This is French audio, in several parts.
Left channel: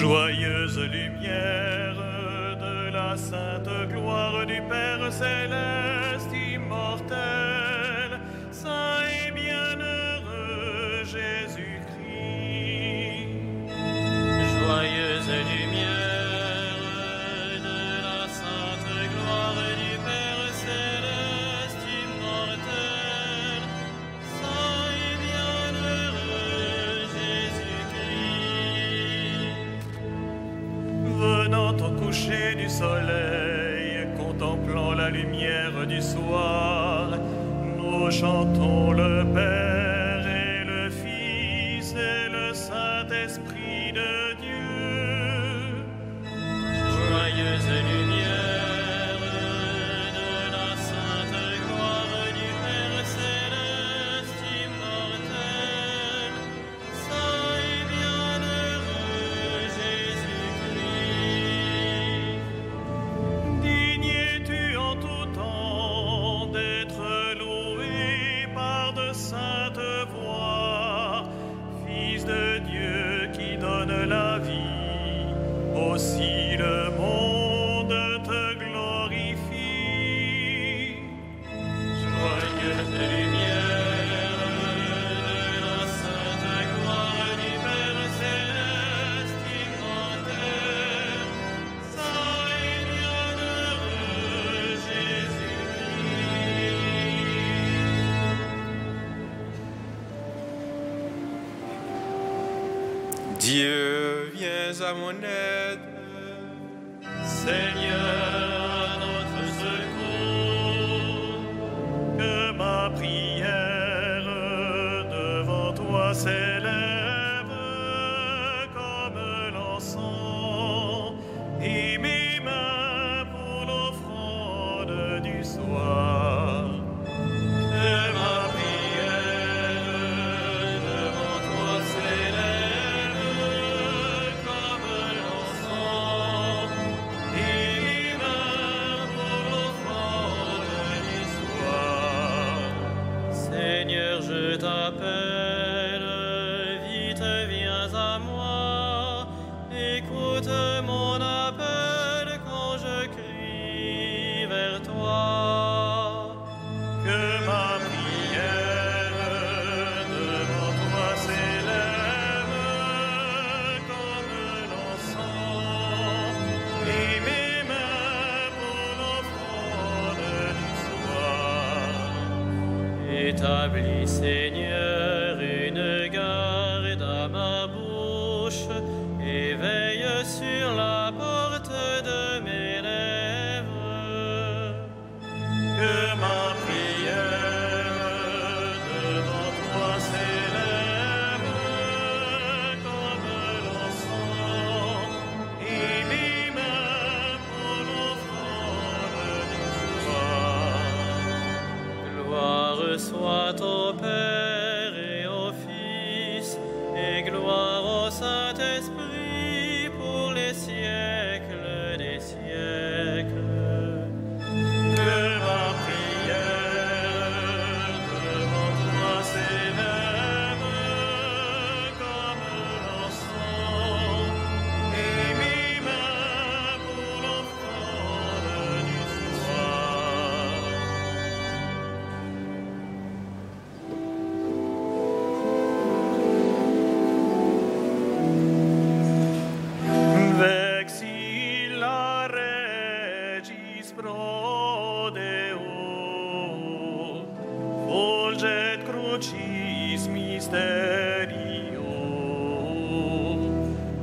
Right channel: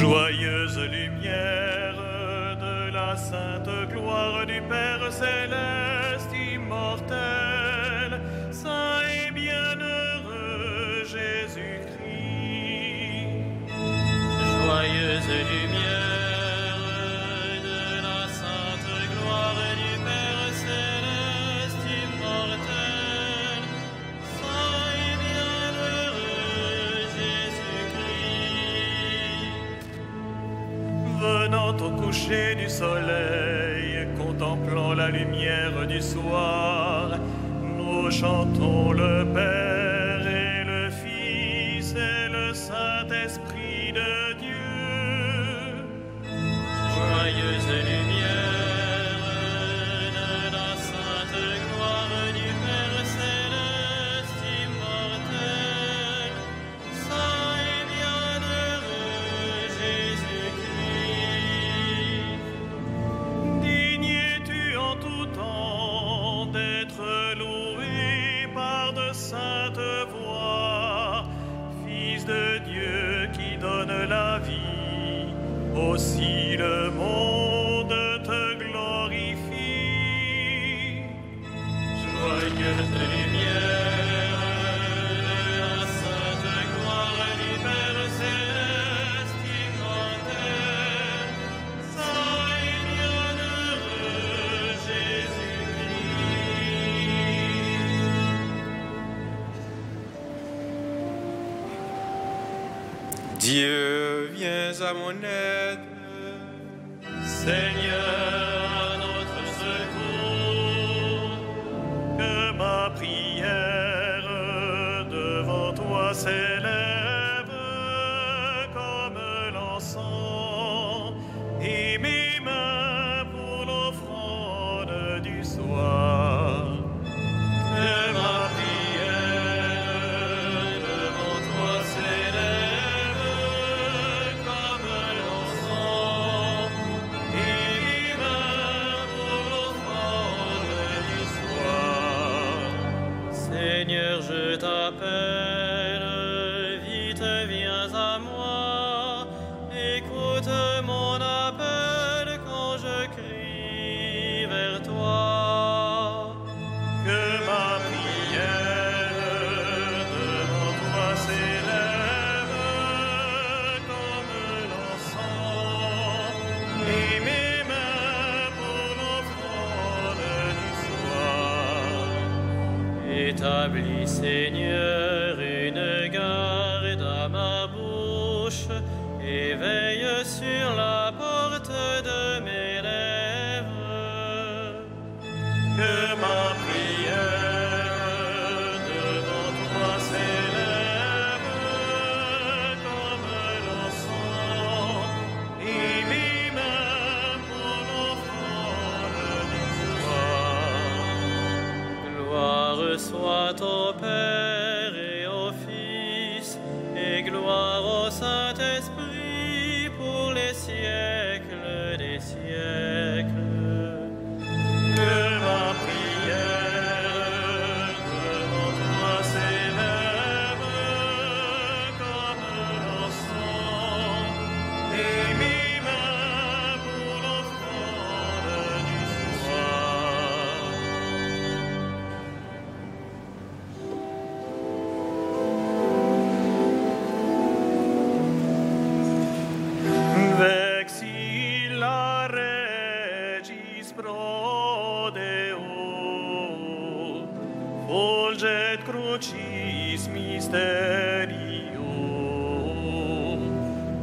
Joyeuse lumière de la sainte gloire du Père céleste immortel, saint et bienheureux Jésus-Christ. Joyeuse lumière de la sainte gloire du Père céleste immortel, saint et bienheureux Jésus-Christ. Venant au coucher du soleil, contemplant la lumière du soir, nous chantons le Père et le Fils et le Saint-Esprit de Dieu. Joyeuse lumière de la sainte gloire du Père céleste immortel, saint et bienheureux Jésus-Christ. Digne es-tu en tout temps d'être loué par de saintes voix, Fils de Dieu qui donne la vie, aussi le monde te glorifie. Joyeuse lumière de la sainte gloire du Père céleste immortel, saint et bienheureux Jésus-Christ. Dieu, viens à mon aide. Seigneur, à notre secours, que ma prière devant toi s'élève comme l'encens, et mes mains pour l'offrande du soir. Que ma prière devant toi s'élève comme l'encens, et mes mains pour l'offrande du soir. Seigneur, je t'appelle, vite viens à moi, écoute mon appel quand je crie vers toi. Que ma prière devant toi s'élève comme l'encens, et mes mains pour l'offrande du soir. Établis, Seigneur, une garde à ma bouche, et veille sur la porte de mes lèvres. Que ma prière devant toi s'élève comme l'encens, et mes mains pour l'offrande du soir. Gloire soit au Père et au Fils, et gloire au Saint-Esprit pour les siècles des siècles. Que ma prière devant toi s'élève comme l'encens, et mes mains pour l'offrande du soir. Vexilla regis prodeo, fulget crucis mysterio,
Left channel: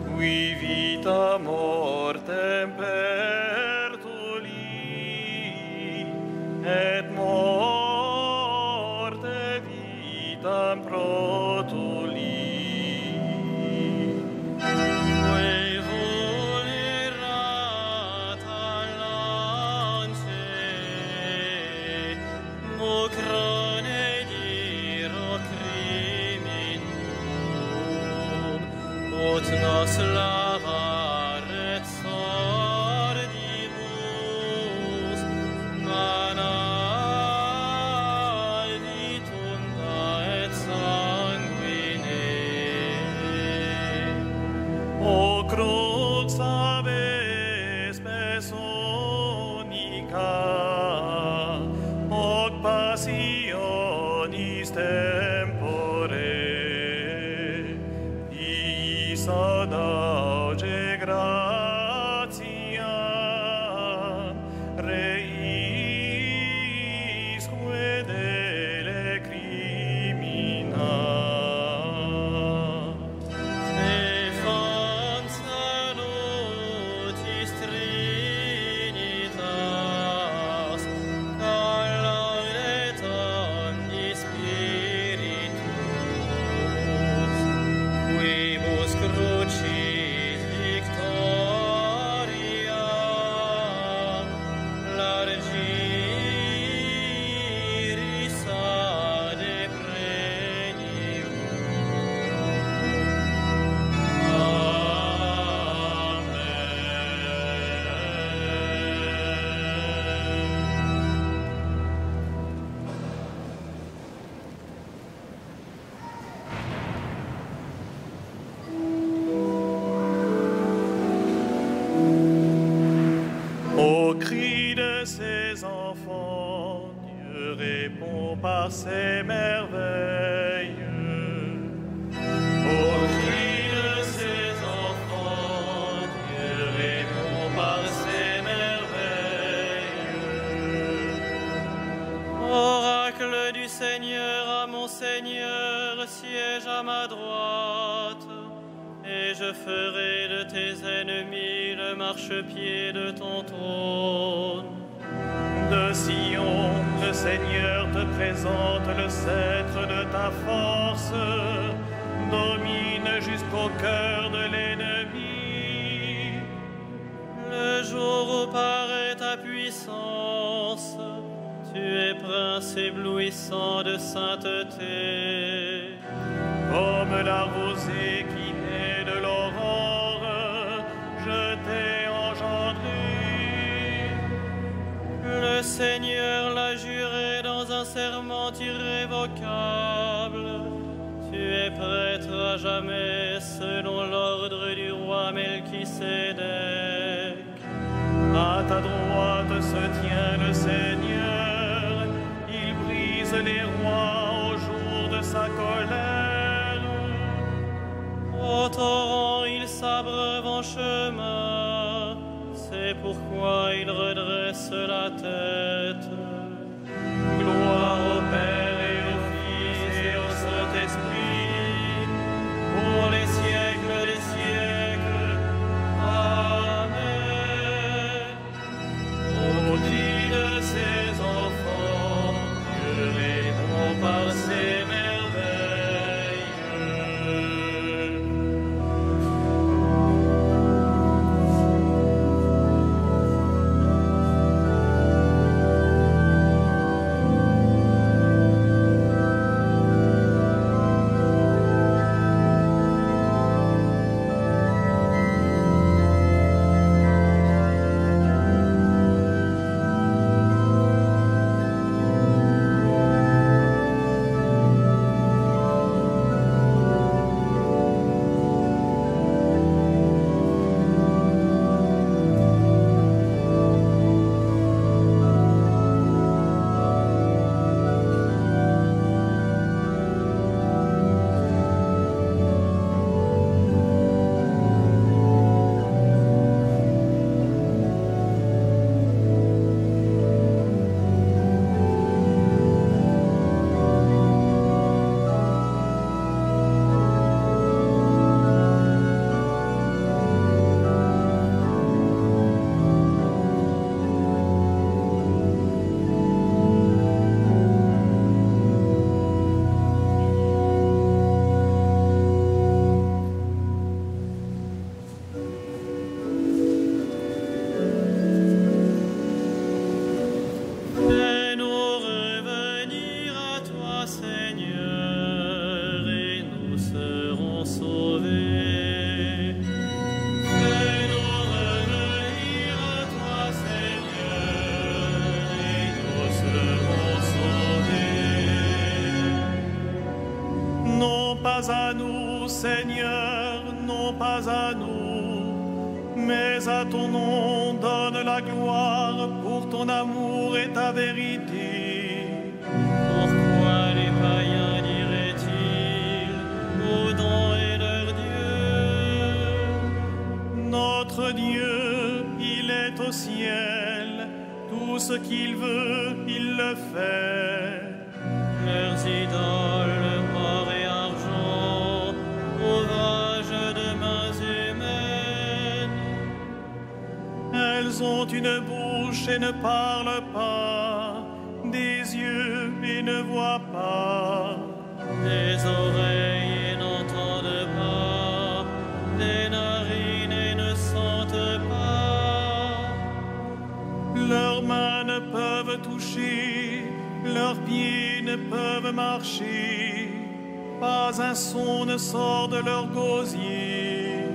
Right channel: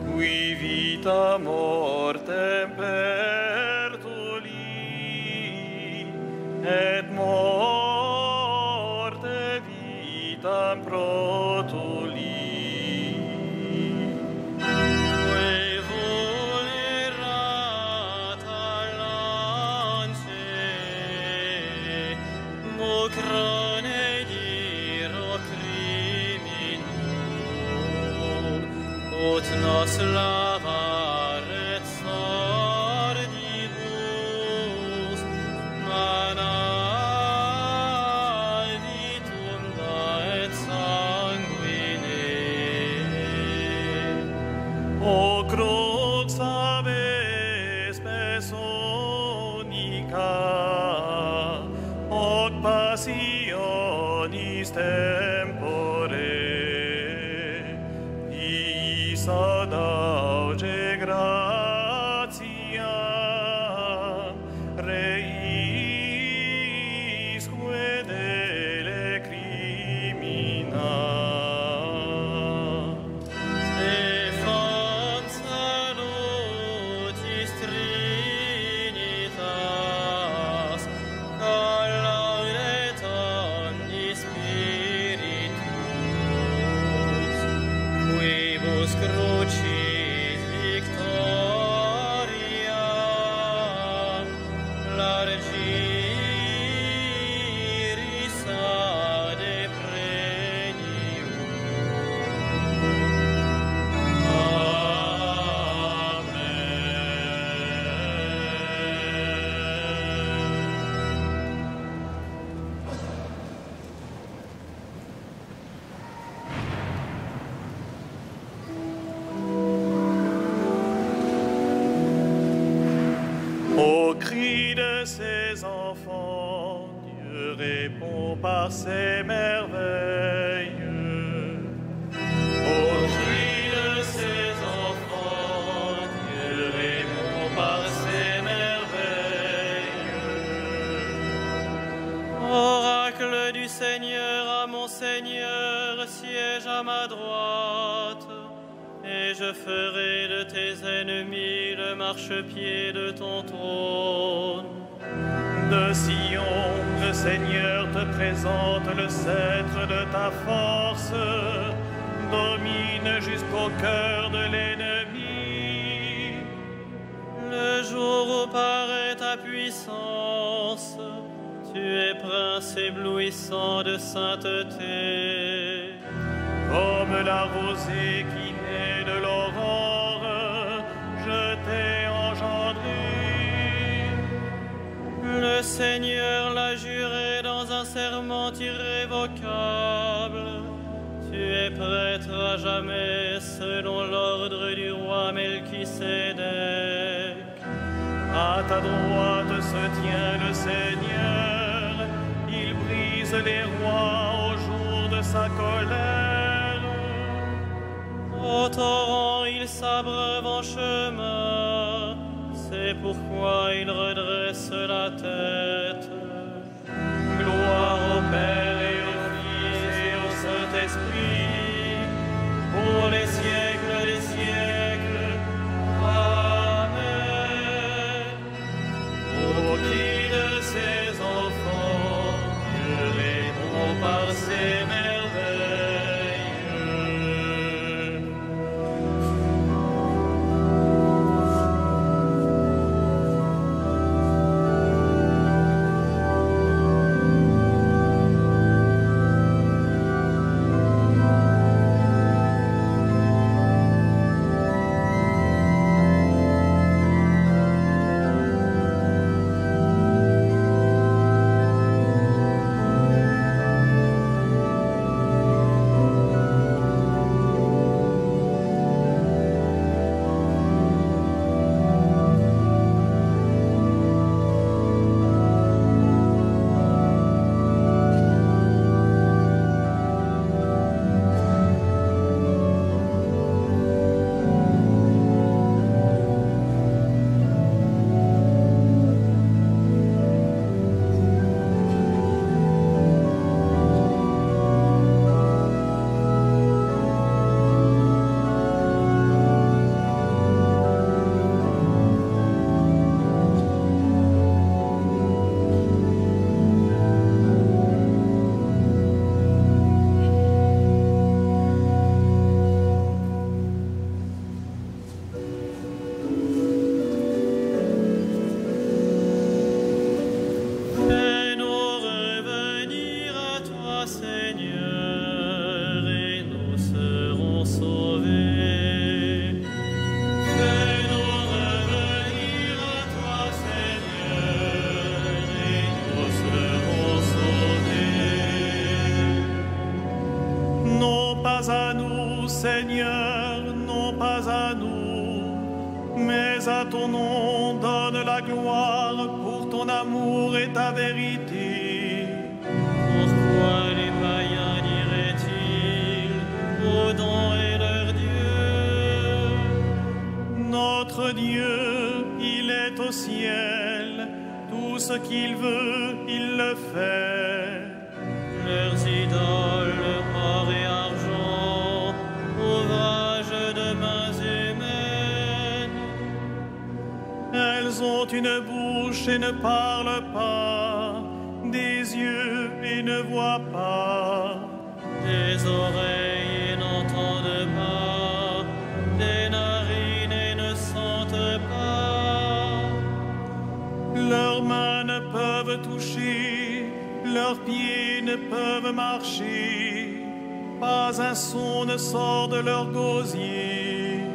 qui vita mortem pertuli, et morte vitam protuli. Quae vulnerata lance, mucrone diro criminum, ut nos lavaret sordibus, mana vitunda et sanguine. O crucis salvationis tempore, iis adauge gratiam, reisque dele crimina. Stefan salutis Trinitas, calaudet omnis spiritus, quibus crucis victoriam largiris ade premium. Au cri de ses enfants, Dieu répond par ses merveilles. Au cri de ses enfants, Dieu répond par ses merveilles. Oracle du Seigneur à mon Seigneur, siège à ma droite, et je ferai de tes ennemis le marchepied de ton trône. De Sion, le Seigneur te présente le sceptre de ta force, domine jusqu'au cœur de l'ennemi. Le jour où paraît ta puissance, tu es prince éblouissant de sainteté. Comme la rosée qui naît de l'aurore, je t'ai engendré. Le Seigneur l'a juré dans un serment irrévocable. Tu es prêtre à jamais selon l'ordre du roi Melchisédek. À ta droite se tient le Seigneur, il brise les rois au jour de sa colère. Au torrent, il s'abreuve en chemin, c'est pourquoi il redresse la tête. Gloire au Père et au Fils et au Saint-Esprit, pour les siècles des siècles. Amen. Au cri de ses enfants, Dieu répond par ses merveilles. Fais-nous revenir à toi, Seigneur, et nous serons sauvés. Fais-nous revenir à toi, Seigneur, et nous serons sauvés. Non pas à nous, Seigneur, non pas à nous, mais à ton nom donne la gloire pour ton amour et ta vérité. au ciel. Tout ce qu'il veut, il le fait. Leurs idoles, or et argent, ouvrage de mains humaines. Elles ont une bouche et ne parlent pas, des yeux et ne voient pas, Des oreilles et n'entendent pas, des narines et ne sentent pas. leurs mains ne peuvent toucher, leurs pieds ne peuvent marcher, pas un son ne sort de leur gosier.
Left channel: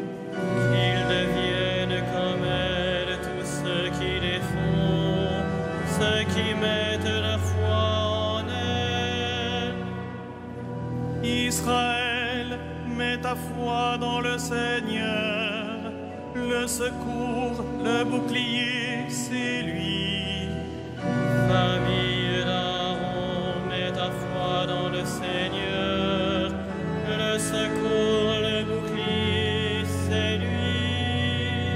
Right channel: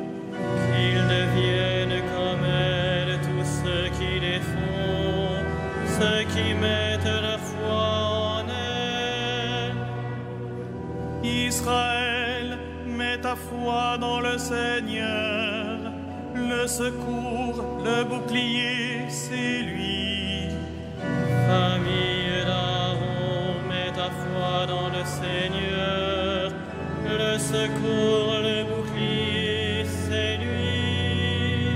Qu'ils deviennent comme elles, tous ceux qui les font, ceux qui mettent leur foi en elles. Israël, mets ta foi dans le Seigneur, le secours, le bouclier, c'est lui. Famille d'Aaron, mets ta foi dans le Seigneur, le secours, le bouclier, c'est lui.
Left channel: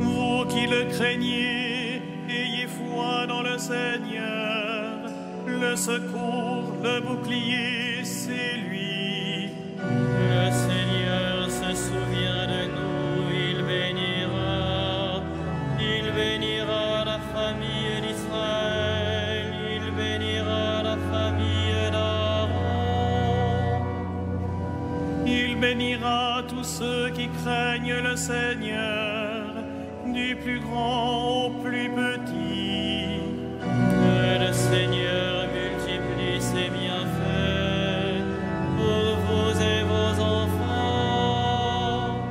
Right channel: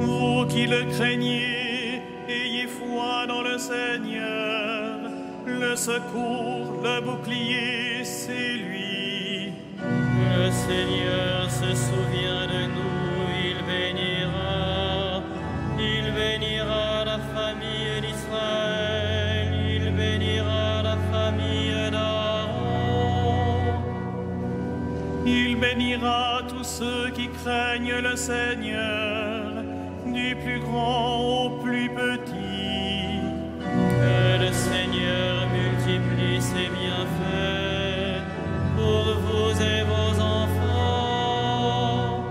Vous qui le craignez, ayez foi dans le Seigneur, le secours, le bouclier, c'est lui. Le Seigneur se souvient de nous, il bénira la famille d'Israël, il bénira la famille d'Aaron. Il bénira tous ceux qui craignent le Seigneur, du plus grand au plus petit. Que le Seigneur multiplie ses bienfaits pour vous et vos enfants.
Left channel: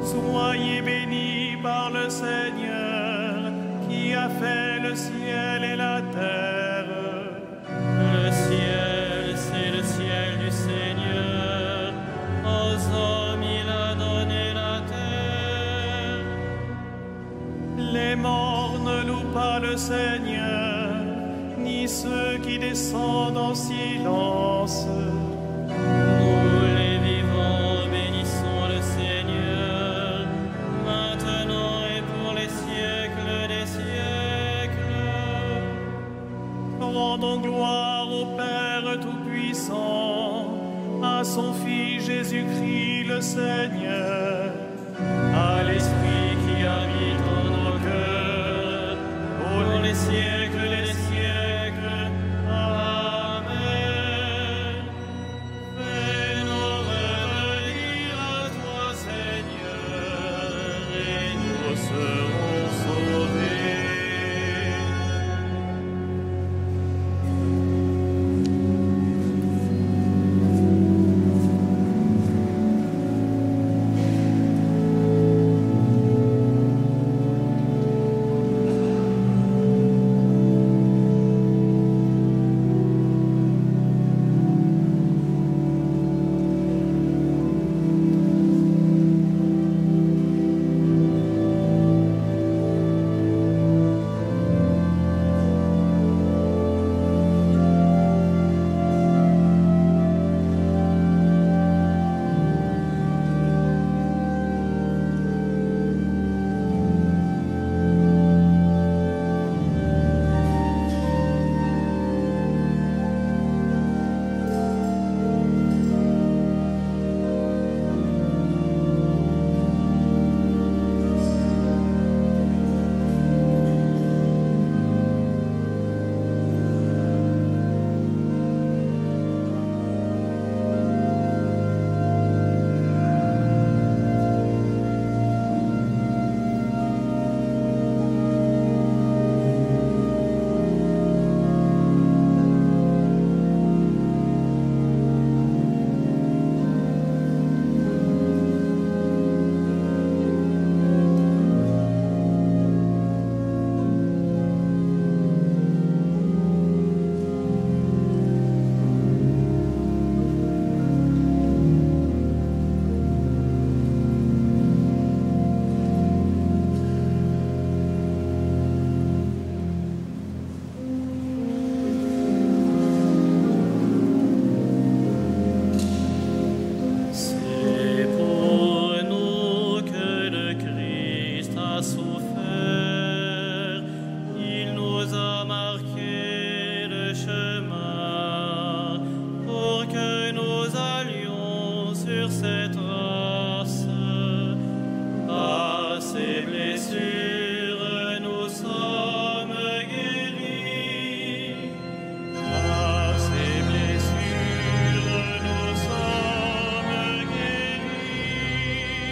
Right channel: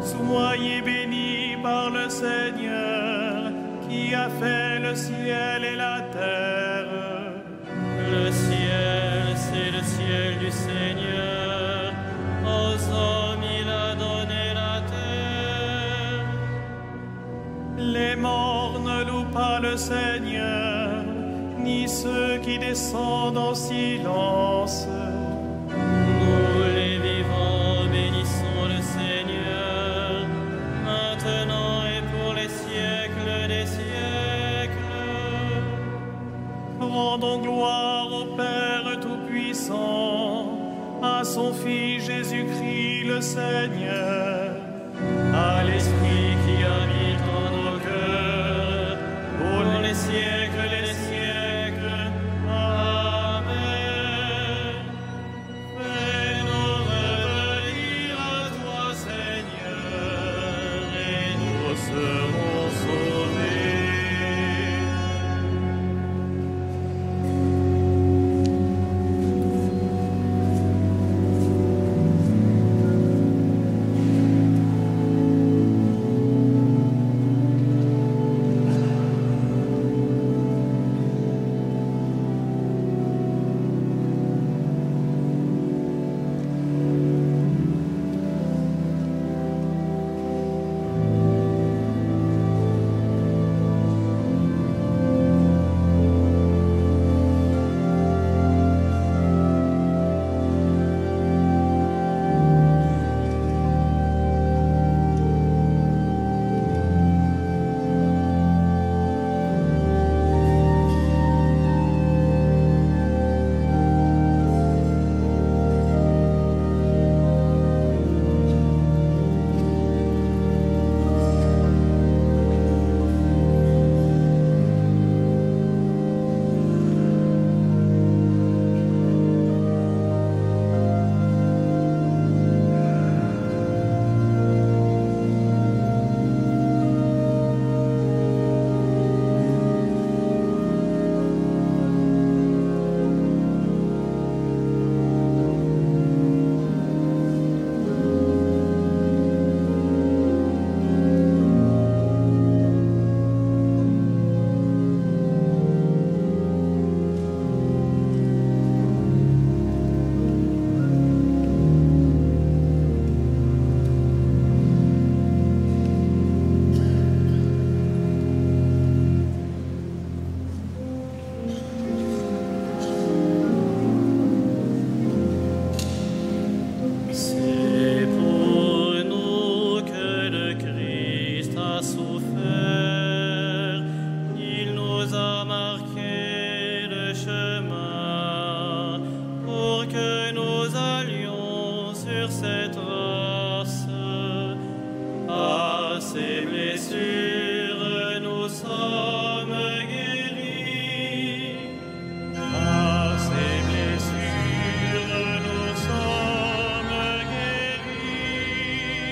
Soyez bénis par le Seigneur, qui a fait le ciel et la terre. Le ciel, c'est le ciel du Seigneur. Aux hommes, il a donné la terre. Les morts ne louent pas le Seigneur, ni ceux qui descendent en silence. Nous, les vivants, bénissons le Seigneur, maintenant et pour les siècles des siècles. Rendons gloire au Père Tout-Puissant, à son Fils Jésus-Christ le Seigneur, À l'Esprit qui habite en nos cœurs, pour les siècles des siècles. Amen. Fais-nous revenir à toi, Seigneur, et nous serons sauvés. chemins, pour que nous allions sur cette race. À ses blessures, nous sommes guéris. À ses blessures, nous sommes guéris.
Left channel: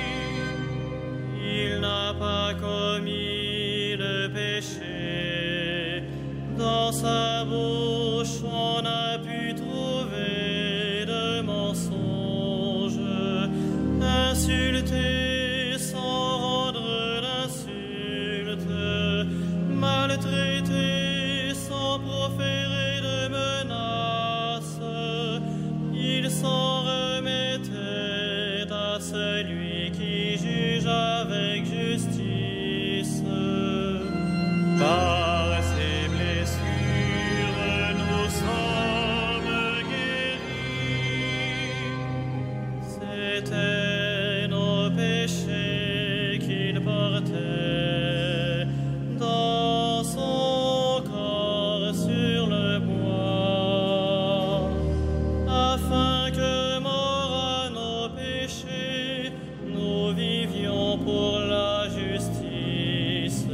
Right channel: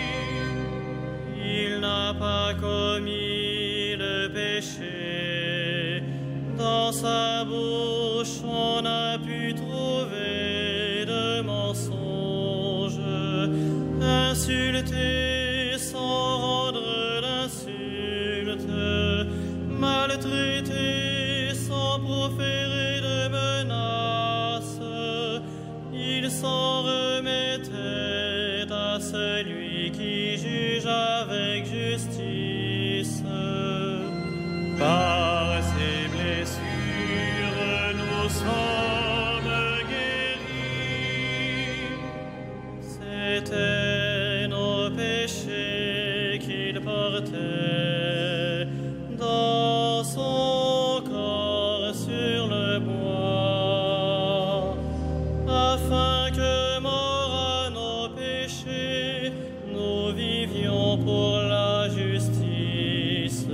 Il n'a pas commis le péché. Dans sa bouche, on n'a pu trouver de mensonge. Insulté sans rendre l'insulte, maltraité sans proférer de menaces, il s'en remettait à celui qui juge avec justice. Par ses blessures, nous sommes guéris. C'étaient nos péchés qu'il portait dans son corps sur le bois, afin que, morts à nos péchés, nous vivions pour la justice.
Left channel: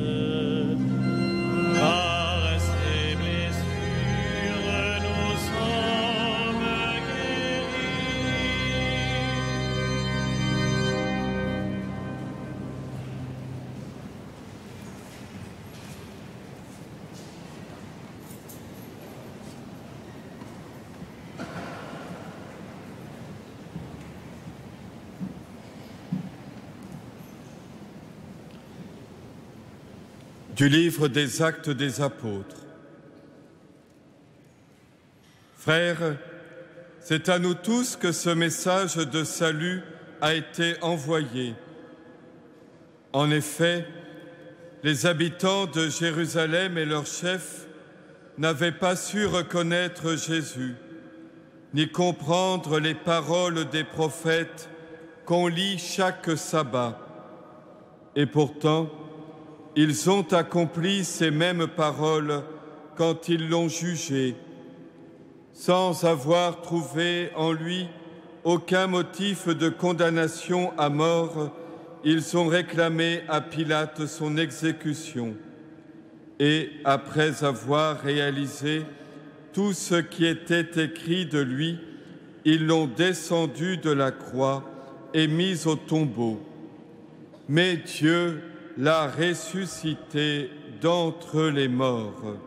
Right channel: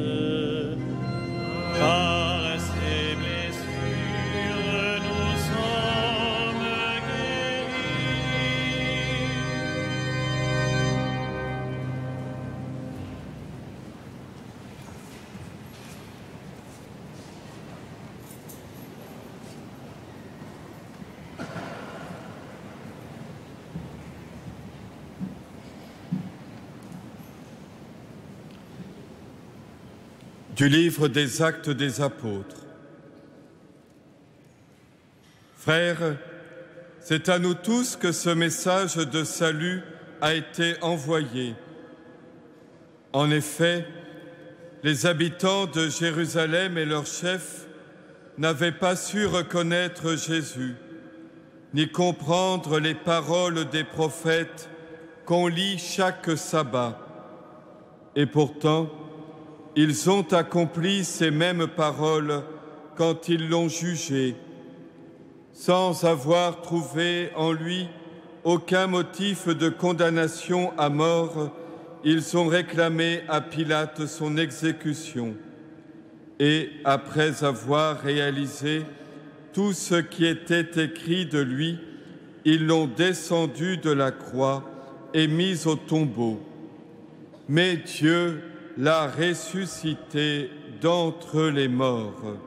Par ses blessures, nous sommes guéris. Du livre des Actes des Apôtres. Frères, c'est à nous tous que ce message de salut a été envoyé. En effet, les habitants de Jérusalem et leurs chefs n'avaient pas su reconnaître Jésus, ni comprendre les paroles des prophètes qu'on lit chaque sabbat. Et pourtant, ils ont accompli ces mêmes paroles quand ils l'ont jugé, sans avoir trouvé en lui aucun motif de condamnation à mort. Ils ont réclamé à Pilate son exécution. Et après avoir réalisé tout ce qui était écrit de lui, ils l'ont descendu de la croix et mis au tombeau. Mais Dieu l'a ressuscité d'entre les morts.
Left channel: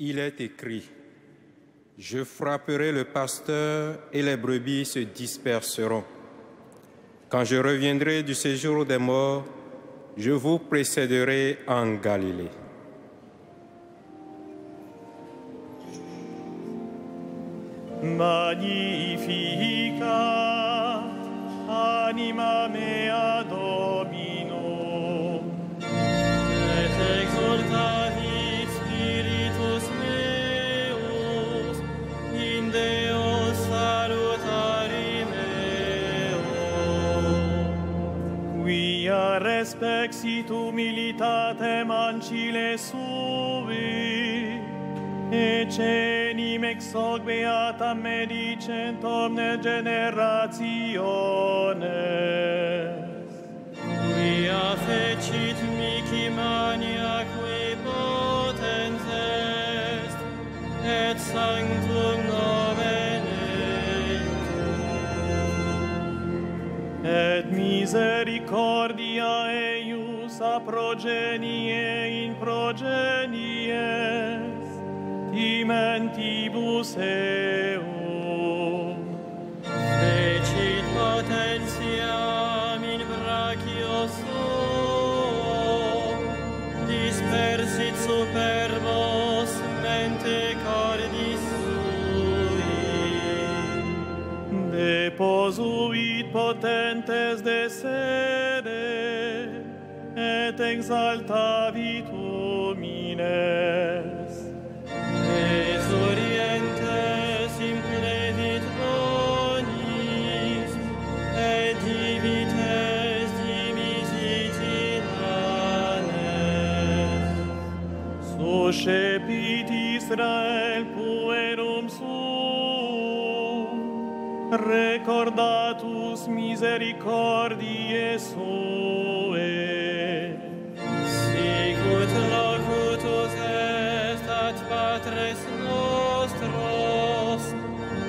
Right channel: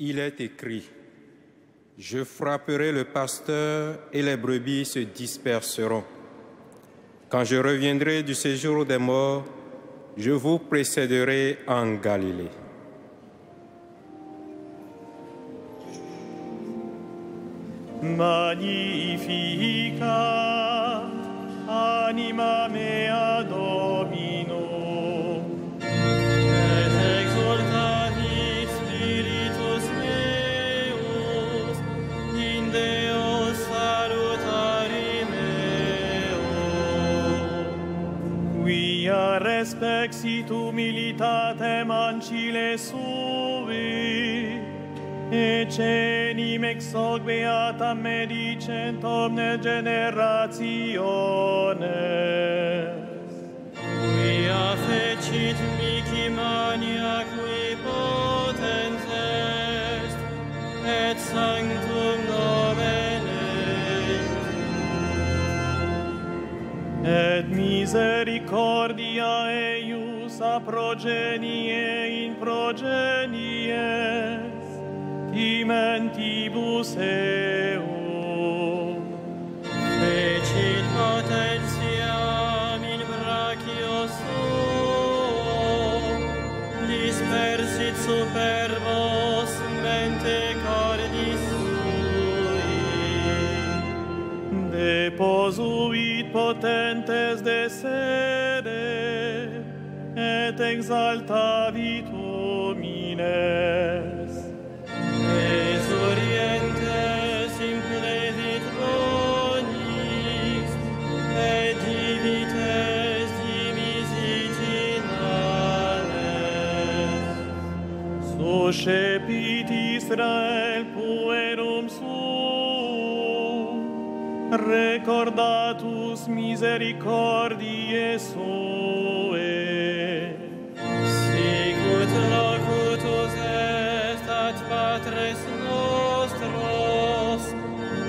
Il est écrit: je frapperai le pasteur et les brebis se disperseront. Quand je reviendrai du séjour des morts, je vous précéderai en Galilée. Magnificat anima mea Domino, Et exultavit spiritus meus in Deo salutari meo. quia respexit humilitatem ancile suvi, ecenim ex hoc beatam medicent omnes generationes. Quia fecit mihi mania qui potens est, et sanctum nomen eius. Et misericordia eius a progenie in progenies, timentibus eum. Fecit potentiam in brachio suo, dispersit superbos mente cordis sui. Deposuit potentes de sede, et exaltavit homines. Exorientes implevit bonis, et divites dimisit in anes. Suscepit Israel puerum suum, recordatus misericordiae suae. Sicut locutus est ad patres nostros,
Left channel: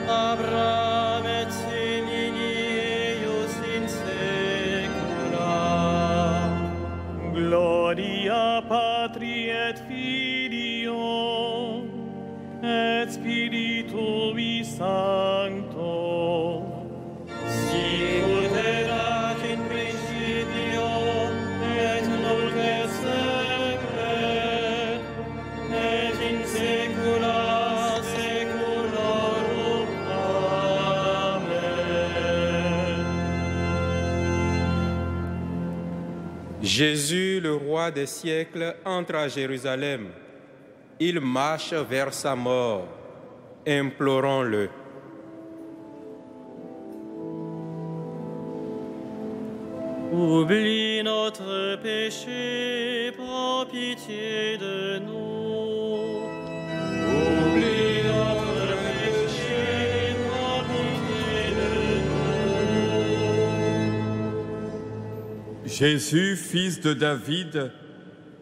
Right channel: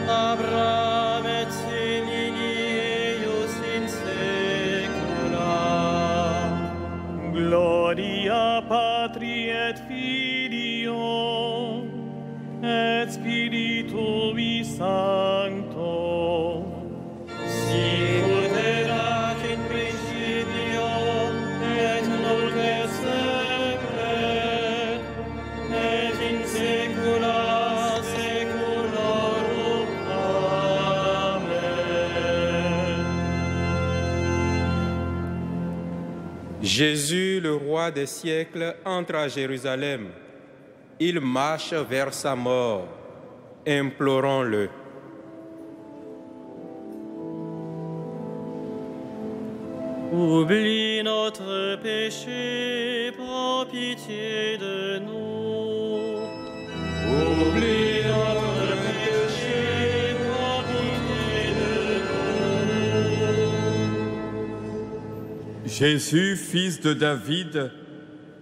Abraham et simili eius in saecula. Gloria Patri et Filio, et Spiritui Sancto. Sicut erat in principio, et nunc et semper, et in saecula saeculorum. Amen. Jésus, le roi des siècles, entre à Jérusalem. Il marche vers sa mort. Implorons-le. Oublie notre péché, prends pitié de nous. Oublie notre péché, prends pitié de nous. Jésus, fils de David,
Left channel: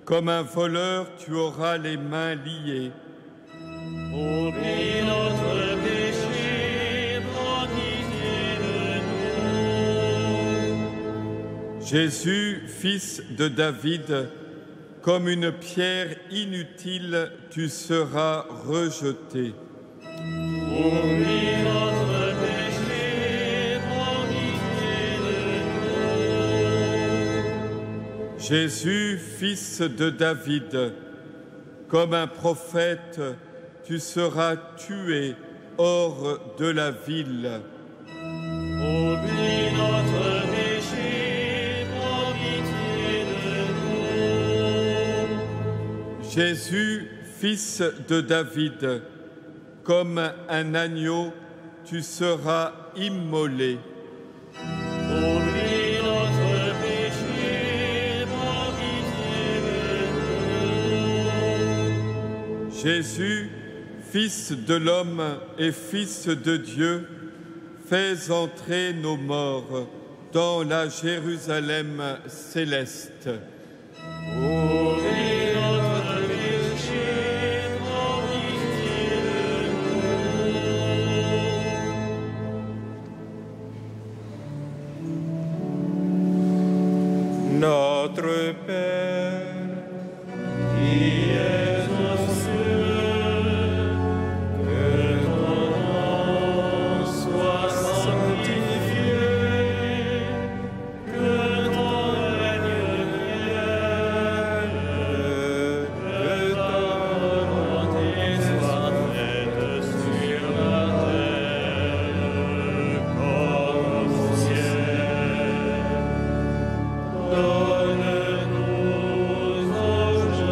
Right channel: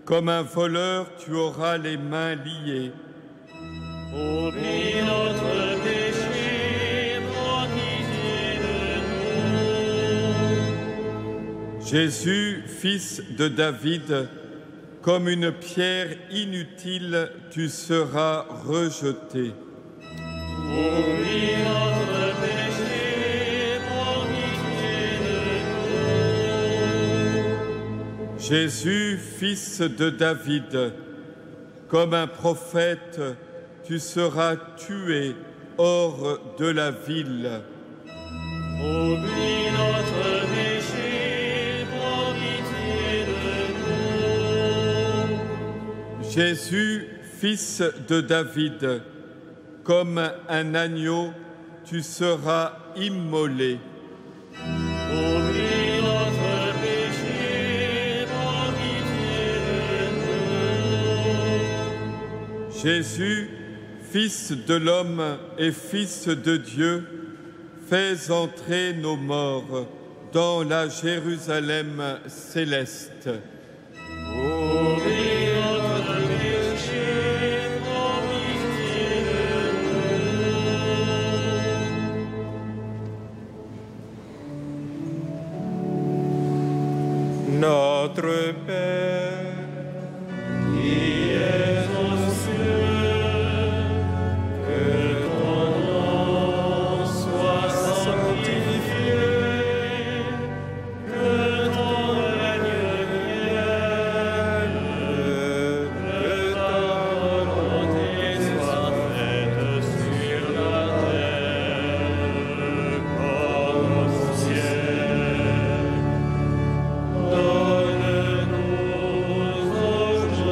comme un voleur, tu auras les mains liées. Oublie notre péché, prends pitié de nous. Jésus, fils de David, comme une pierre inutile, tu seras rejeté. Oublie notre péché, prends pitié de nous. Jésus, fils de David, comme un prophète, tu seras tué hors de la ville. Oublie notre péché, prends pitié de nous. Jésus, fils de David, comme un agneau, tu seras immolé. Oublie notre péché, prends pitié de nous. Jésus, Fils de l'homme et Fils de Dieu, fais entrer nos morts dans la Jérusalem céleste. Oublie notre péché, prends pitié de nous. Notre Père, Qui es aux cieux, que ton nom soit sanctifié, que ton règne vienne, que ta volonté soit faite sur la terre comme au ciel. Donne-nous aujourd'hui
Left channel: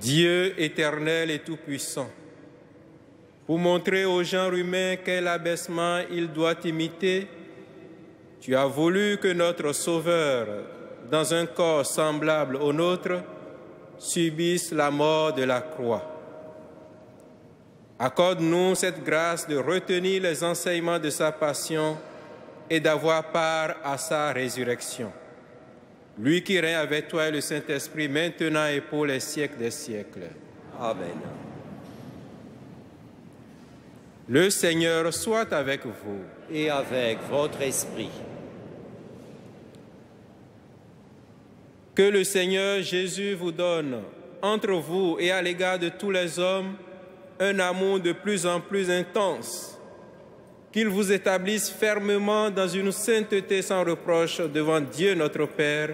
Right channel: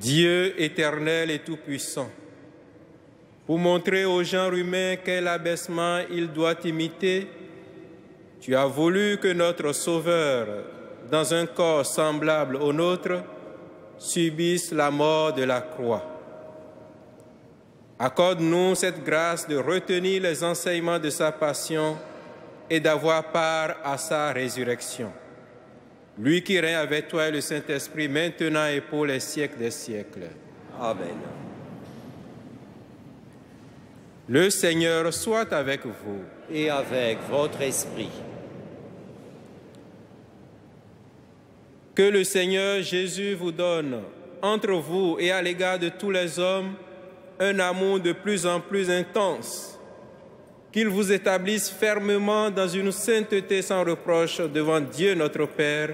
Dieu éternel et tout-puissant, pour montrer au genre humain quel abaissement il doit imiter, tu as voulu que notre Sauveur, dans un corps semblable au nôtre, subisse la mort de la croix. Accorde-nous cette grâce de retenir les enseignements de sa passion et d'avoir part à sa résurrection. Lui qui règne avec toi et le Saint-Esprit, maintenant et pour les siècles des siècles. Amen. Le Seigneur soit avec vous. Et avec votre esprit. Que le Seigneur Jésus vous donne, entre vous et à l'égard de tous les hommes, un amour de plus en plus intense, qu'il vous établisse fermement dans une sainteté sans reproche devant Dieu notre Père,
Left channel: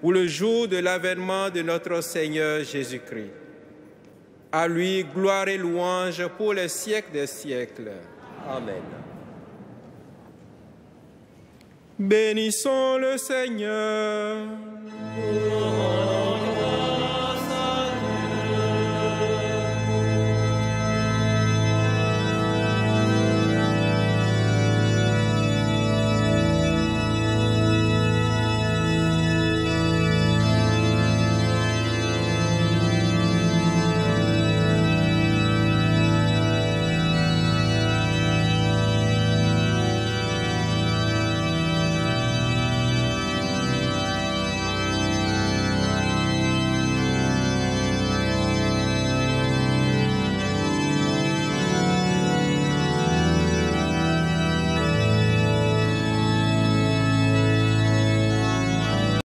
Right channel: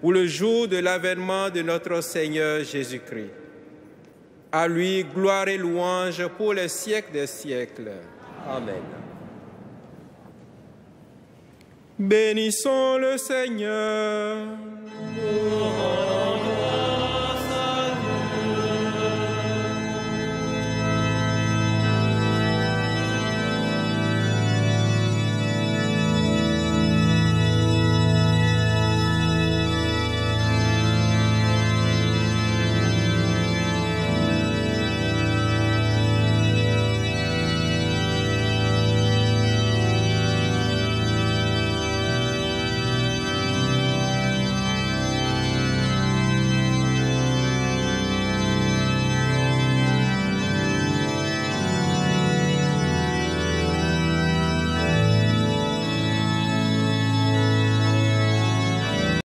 pour le jour de l'avènement de notre Seigneur Jésus-Christ. À lui, gloire et louange pour les siècles des siècles. Amen. Bénissons le Seigneur.